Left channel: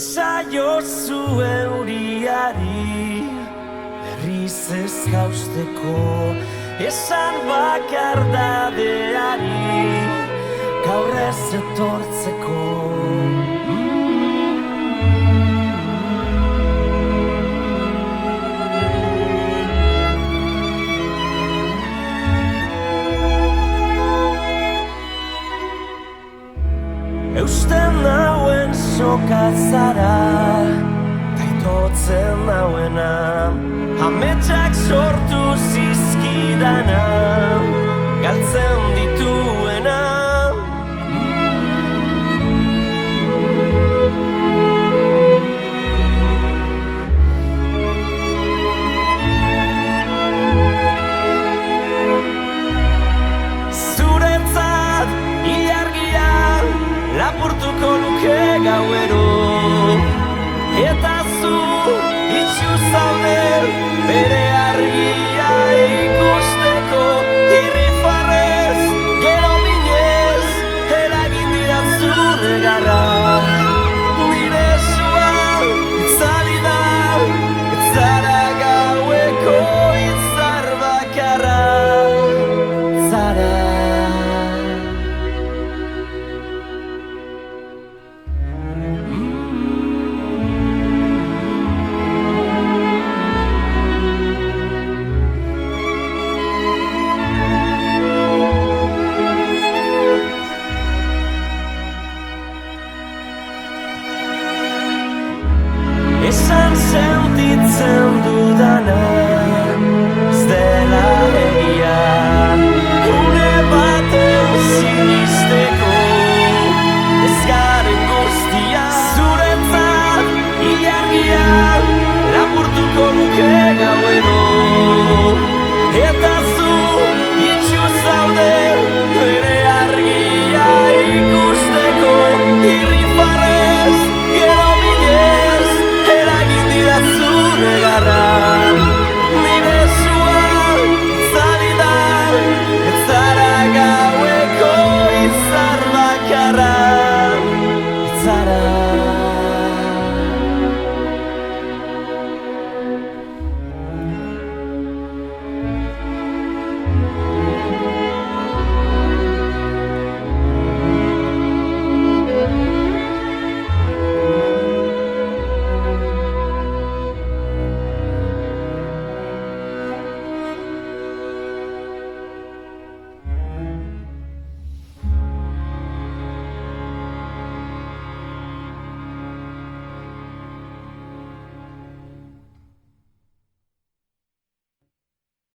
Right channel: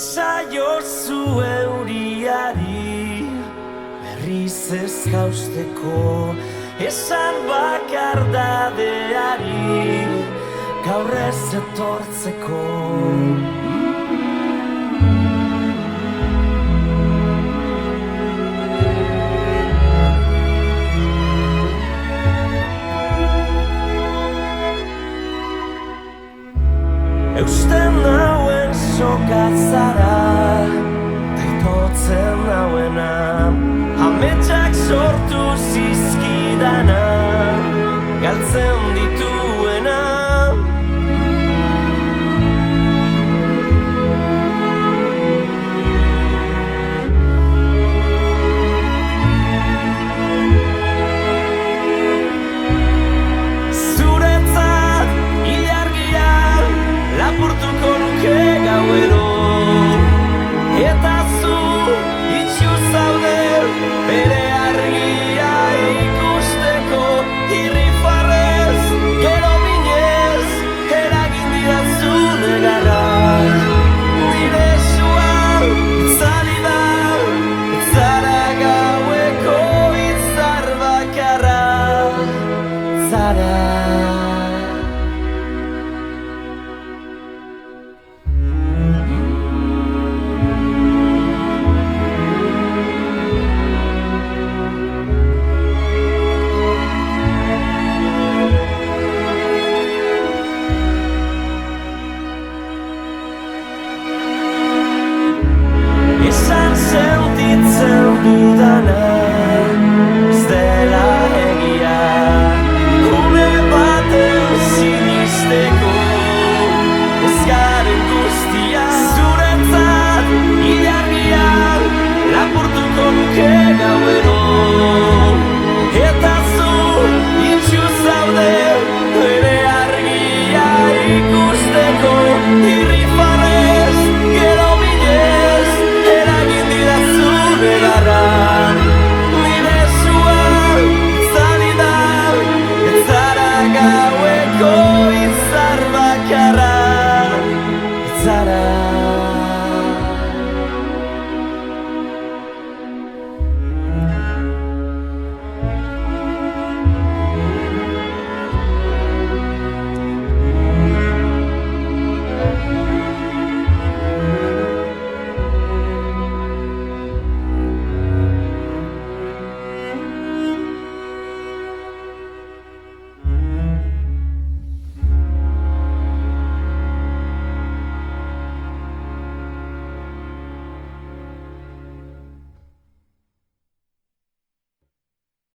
Esaiozu euriari berriz ez jausteko, esan bakardadeari gaur ez etortzeko. Eusten nauen sokatzara, taitotzen nauena, ametsak sortu zizkidana, galtzen dituena. Zuretzat ilargia lapurtuko nuke gauero, eta zu itxu zaude bere argia ikusteko. Irrifarrez, gero minez, eragin didatzu negarra. Nire esua itzali da, ez zara gaueko itzar bakarra, zara. Esan sentitzen dudana ez dela egia, une baten sinisteko ez garen guztia. Zuretzat ilargia lapurtuko nuke gauero, eta zu itxu zaude bere argia ikusteko. Irrifarrez, gero minez, negarra. Nire esua itzali da, ez zara gaueko itzar bakarra, ez zara.